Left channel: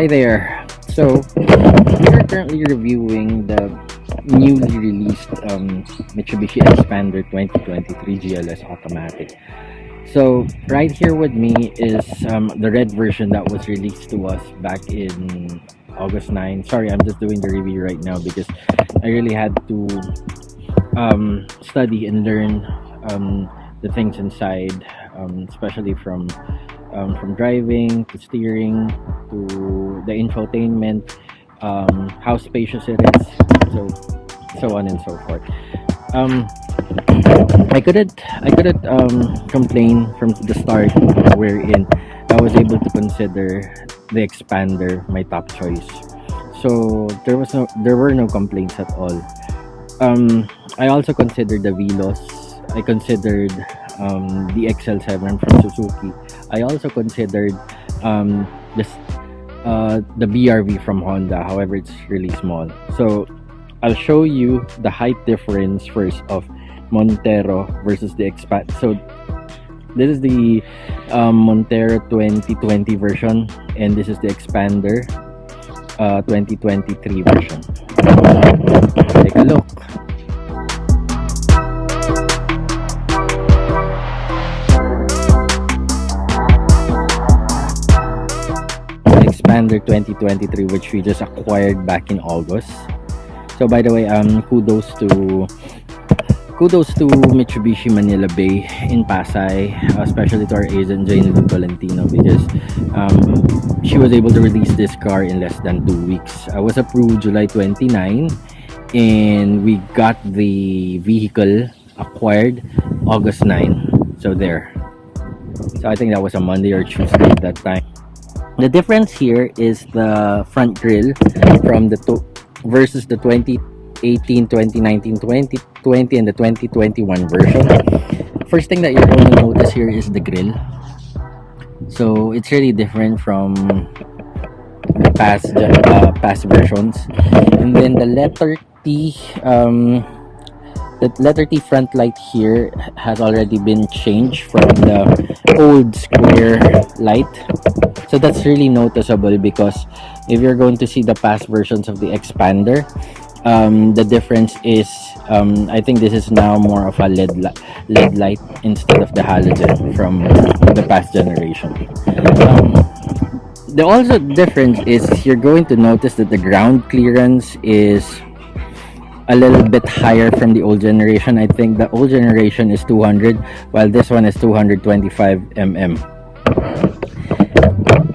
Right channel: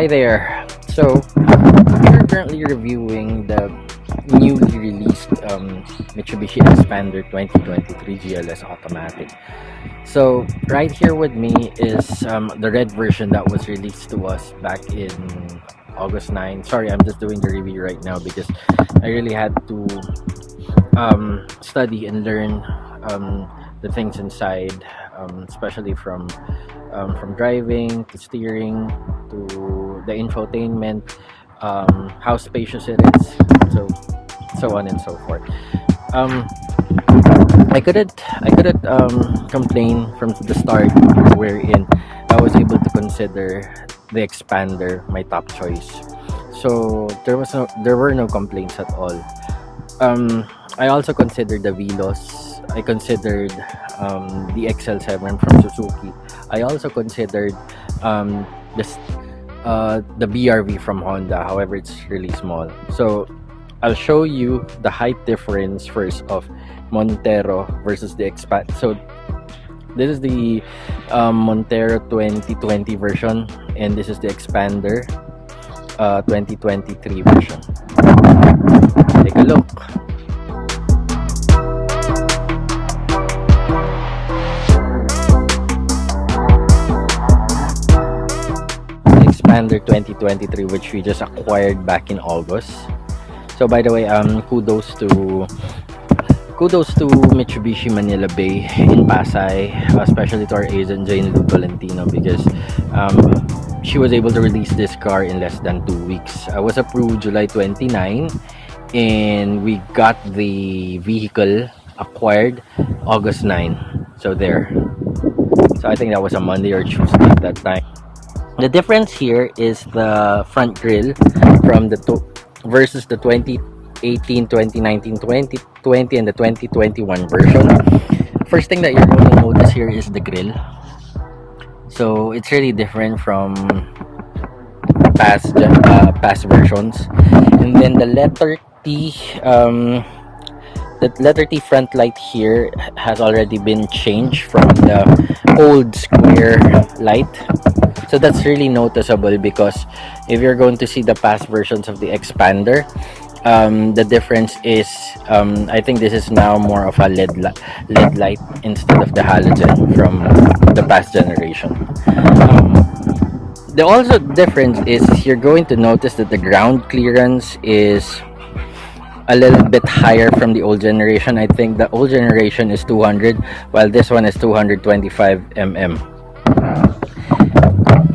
Hi there. So we are currently reviewing the newly released Mitsubishi Xpander 2023 GLS Automatic. So right here with me is the red version that was released to us back in August 9. Sorry, I'm just doing the review right now because I really had to study and learn the things inside, especially from driving to steering to the infotainment, how spacious it is, so on and so forth. I couldn't complain from the start, wherein I was able to consider the Xpander my top choice. So there were no complaints at all. I also considered the Velos. I considered the XL7 from Suzuki. I also considered this the BRV from Honda. However, it's really small. So I'll show you the height difference first of Montero versus the Xpander. So this is the Montero 2020 version, and this is the Xpander 2023 version. Take a look. Xpander 2023, which we just acquired back in August. So by the way, kudos to Mitsubishi Manila Bay in Pasay, especially to our agent Jane Valentino, because she was able to release this car in less than 2 weeks. I was approved July 29, and we got the vehicle acquired August 9. So there. So I think that was a Monday or Tuesday at that time. The difference here is the front grille from the versus the 2018, 2019, 2020, and the 2021 version. First thing that you're going to notice here is the grille. So it's really different from past versions. And then the letter T, the letter T front light here has already been changed from the old square light. So that's really noticeable, because if you're going to see the past versions of the Xpander, the difference is I think this is now more of a LED light instead of the halogen from the past generation. The also difference is you're going to notice that the ground clearance is a little bit higher from the old generation. I think the old generation is 200, while this one is 225 mm.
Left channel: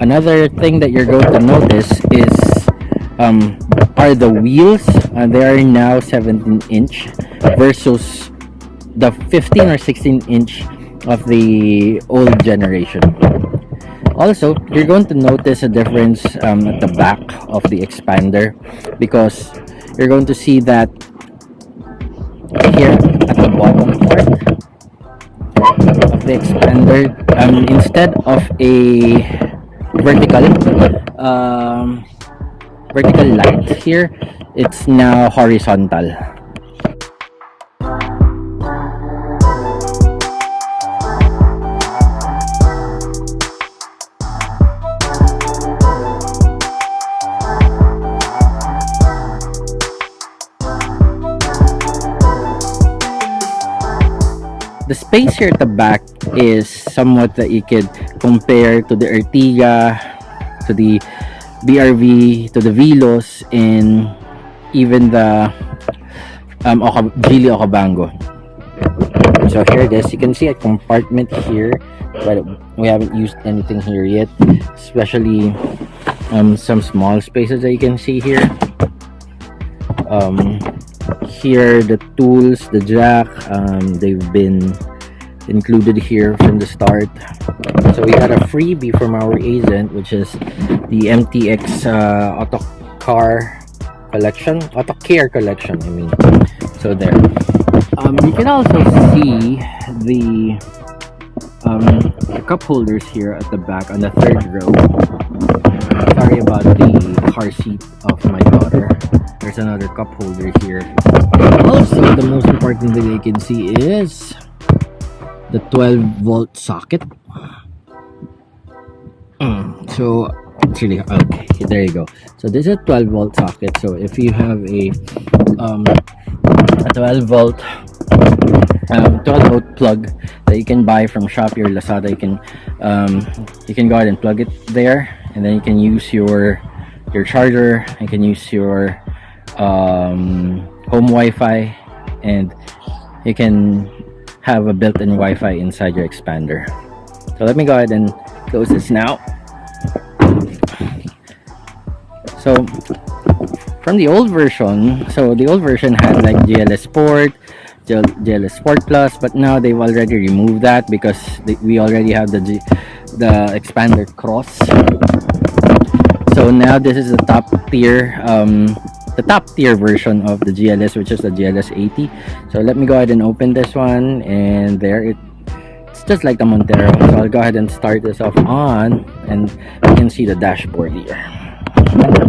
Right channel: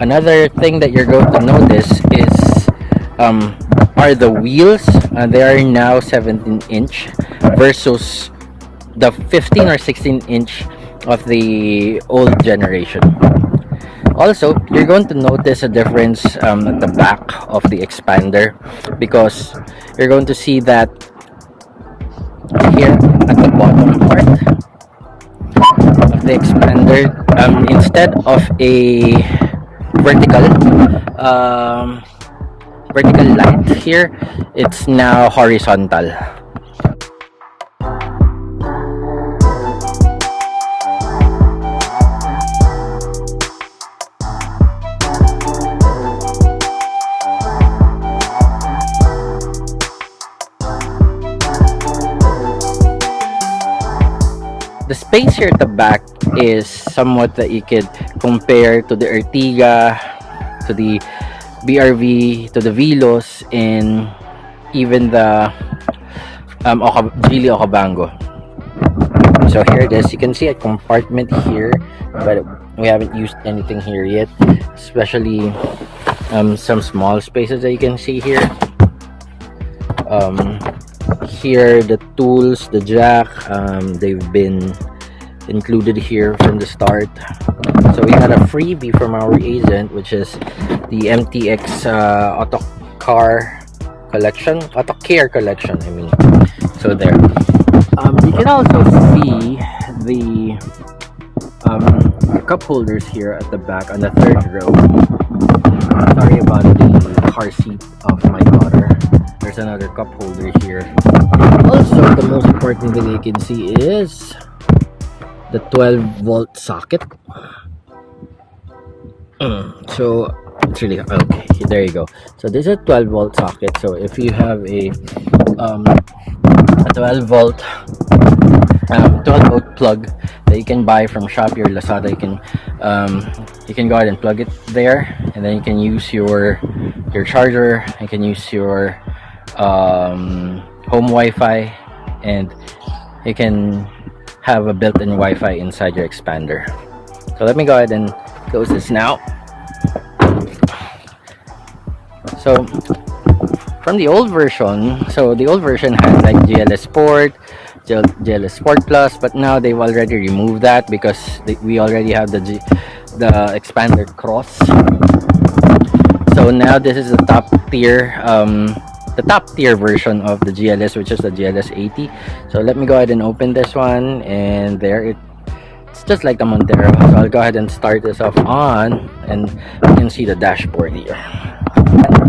Another thing that you're going to notice is are the wheels. They are now 17-inch versus the 15 or 16-inch of the old generation. Also, you're going to notice a difference at the back of the Xpander, because you're going to see that here at the bottom part of the Xpander, instead of a vertical light here, it's now horizontal. The space here at the back is somewhat that you could compare to the Ertiga, to the BRV, to the Velos, and even the Geely Okavango. So here it is. You can see a compartment here, but we haven't used anything here yet, especially some small spaces that you can see here. Here the tools, the jack, they've been included here from the start. So we got a freebie from our agent, which is the MTX Auto Care collection, I mean. So there. You can also see the cup holders here at the back on the third row. Sorry about the car seat of my daughter. There's another cup holder here. Also, the most important thing you can see is the 12-volt socket. So It's really okay. There you go. So this is a 12-volt socket. So if you have a 12-volt plug that you can buy from Shopee or Lazada, you can go ahead and plug it there, and then you can use your charger. You can use your home Wi-Fi, and you can have a built-in Wi-Fi inside your expander. So let me go ahead and close this now. So from the old version, the old version had like GLS Sport, GLS Sport Plus, but now they've already removed that because we already have the Xpander Cross. So now this is the top tier version of the GLS, which is the GLS 80. So let me go ahead and open this one, and there it's just like the Montero. So I'll go ahead and start this off on, and you can see the dashboard here.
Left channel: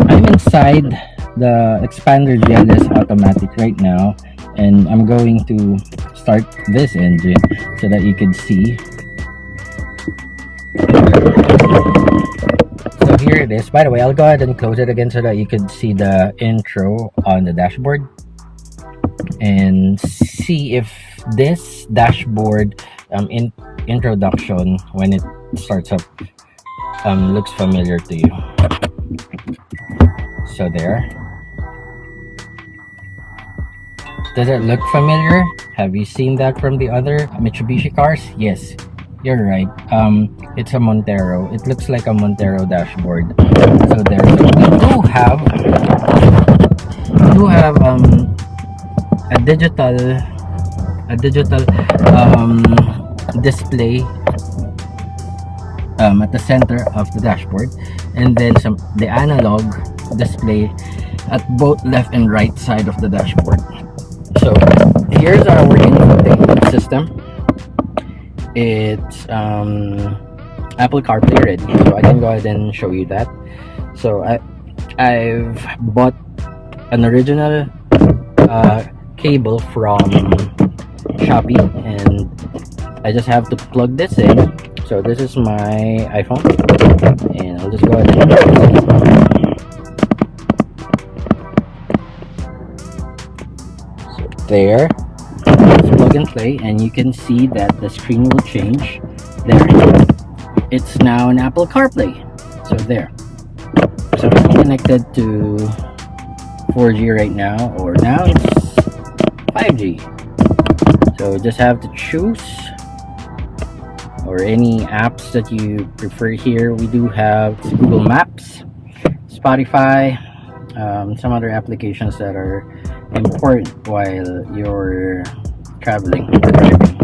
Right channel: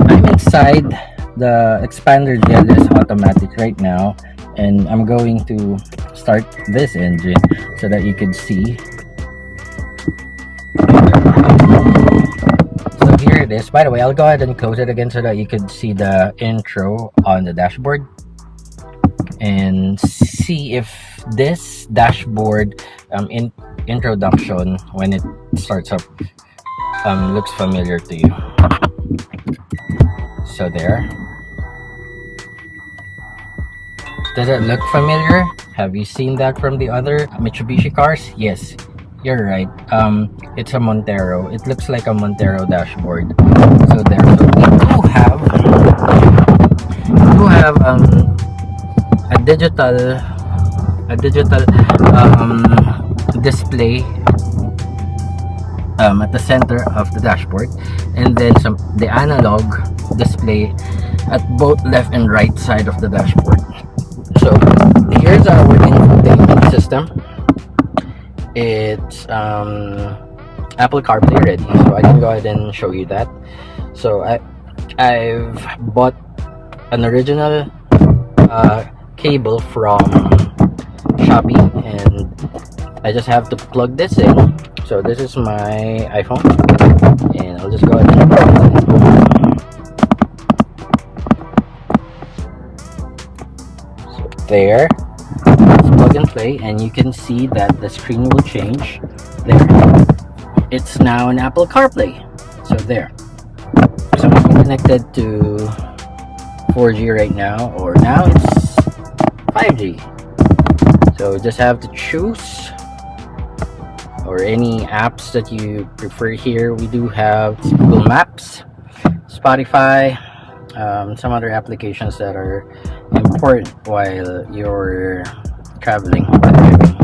I'm inside the Xpander GLS automatic right now, and I'm going to start this engine so that you can see. So here it is. By the way, I'll go ahead and close it again so that you can see the intro on the dashboard and see if this dashboard introduction, when it starts up, looks familiar to you. So there. Does it look familiar? Have you seen that from the other Mitsubishi cars? Yes, you're right. It's a Montero. It looks like a Montero dashboard. So there. So we do have a digital display at the center of the dashboard, and then the analog display at both left and right side of the dashboard. So here's our infotainment system. It's Apple CarPlay ready, so I can go ahead and show you that. So I've bought an original cable from Shopee, and I just have to plug this in. So this is my iPhone, and I'll just go ahead and plug this in. So there, it's plug and play, and you can see that the screen will change. There, it's now an Apple CarPlay. So there. So I'm connected to 4G right now, or now it's 5G. So just have to choose, or any apps that you prefer here. We do have Google Maps, Spotify, some other applications that are important while you're traveling or driving.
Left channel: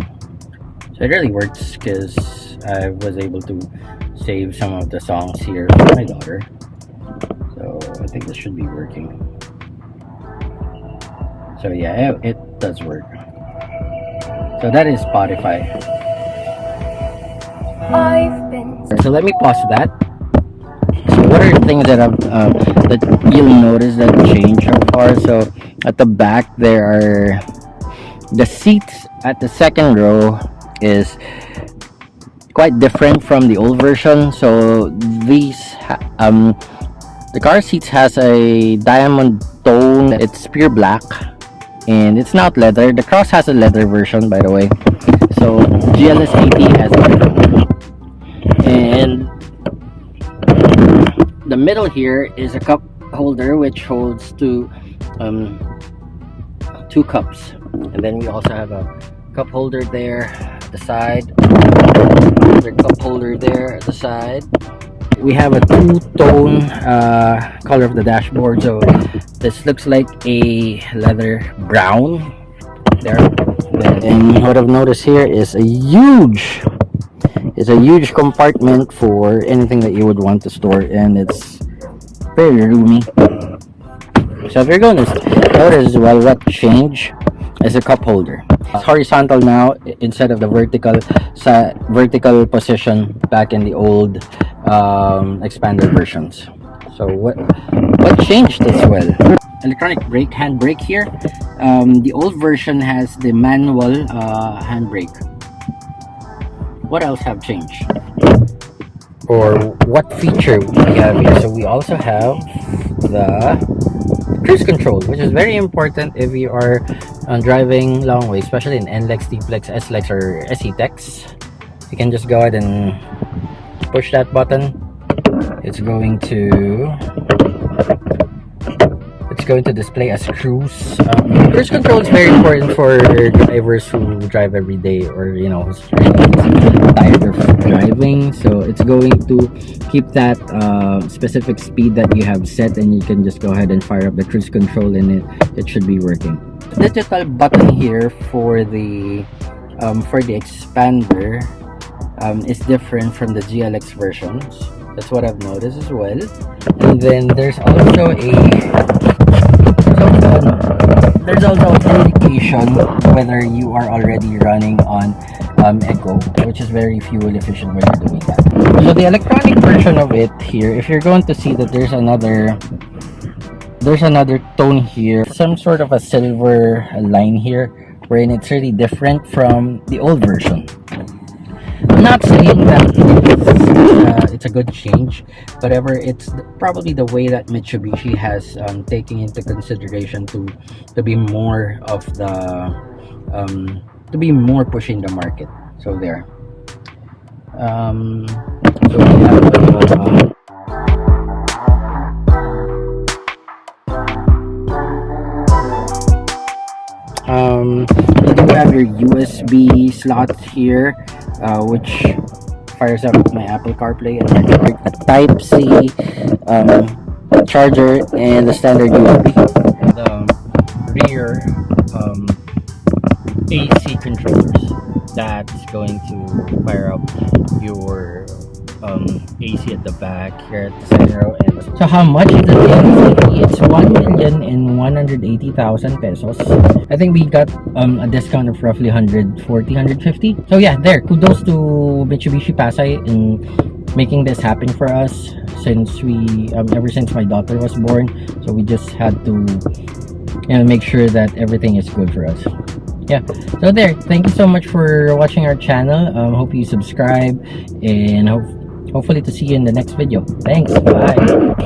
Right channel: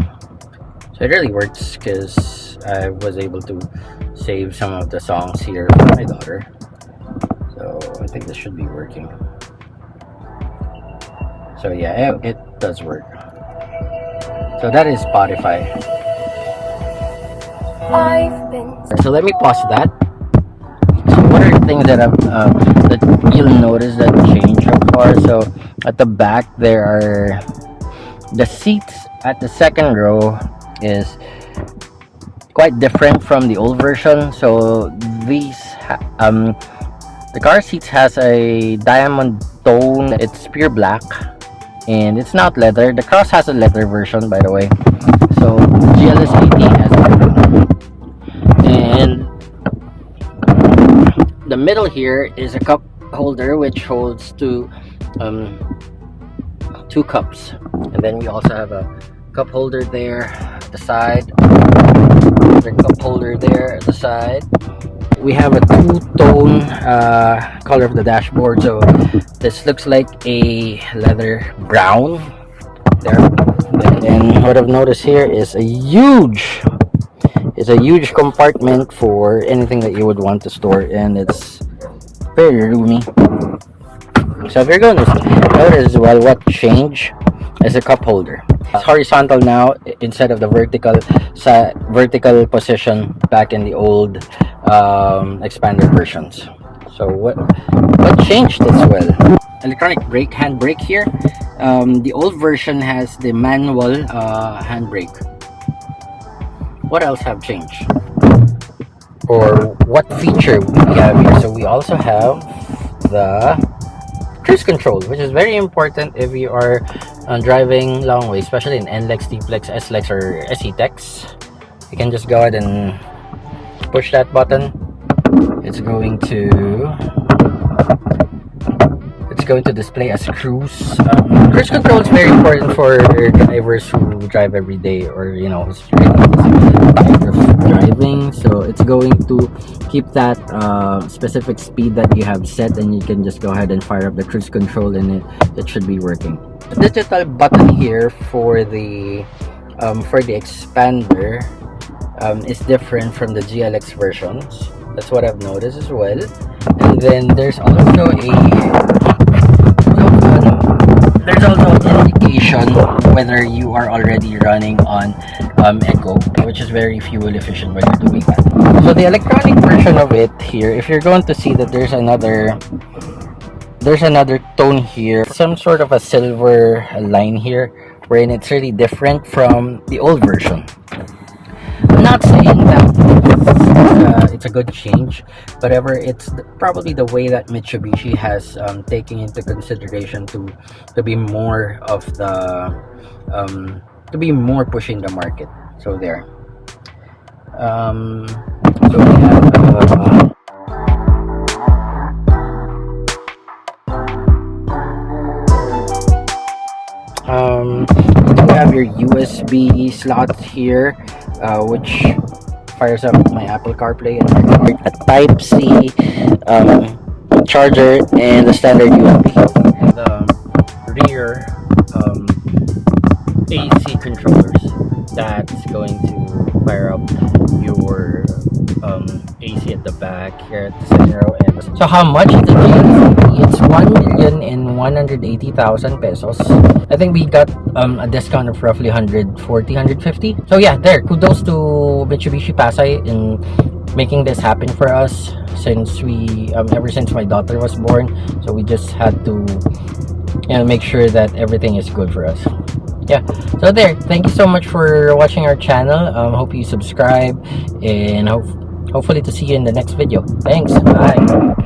So it really works because I was able to save some of the songs here for my daughter. So I think this should be working. So yeah, it does work. So that is Spotify. So let me pause that. So what are the things that that you'll notice that change so far? So at the back there are the seats at the second row is quite different from the old version. So these the car seats has a diamond tone. It's pure black, and it's not leather. The Cross has a leather version, by the way. So GLS 80 has a leather one. And the middle here is a cup holder which holds two cups, and then we also have a cup holder there at the side, another cup holder there at the side. We have a two-tone color of the dashboard, so this looks like a leather brown there. And what I've noticed here is a huge compartment for anything that you would want to store, and it's very roomy. So if you're going to notice as well, what changed is a cup holder. It's horizontal now instead of the vertical position back in the old Xpander versions. So what changed as well? Electronic hand brake here. The old version has the manual hand brake. What else have changed? for what feature we have here. So we also have the cruise control, which is very important if you are driving long way, especially in NLEX, T-Plex, S-Lex, or SE-Tex. You can just go ahead and push that button. It's going to display as cruise. Cruise control is very important for drivers who drive every day, or who's really tired of driving. So it's going to keep that specific speed that you have set, and you can just go ahead and fire up the cruise control, and it should be working. The digital button here for the Xpander is different from the GLX versions. That's what I've noticed as well. And then there's also an indication whether you are already running on Eco, which is very fuel efficient when you're doing that. So the electronic version of it here, if you're going to see that there's another tone here, some sort of a silver line here, wherein it's really different from the old version. I'm not saying that it's a good change, but it's probably the way that Mitsubishi has taken into consideration to be more of the to be more pushing the market. So there. So we have you do have your USB slot here, which fires up my Apple CarPlay, and a Type-C charger, and the standard USB. The rear AC controllers that's going to fire up your AC at the back here at the second row. And so how much is the GLC? It's 1,180,000 pesos. I think we got a discount of roughly 140, 150. So yeah, there, kudos to Mitsubishi Pasay in making this happen for us, since we ever since my daughter was born. So we just had to make sure that everything is good for us. Yeah, so there, thank you so much for watching our channel. Hope you subscribe, and hopefully to see you in the next video. Thanks, bye.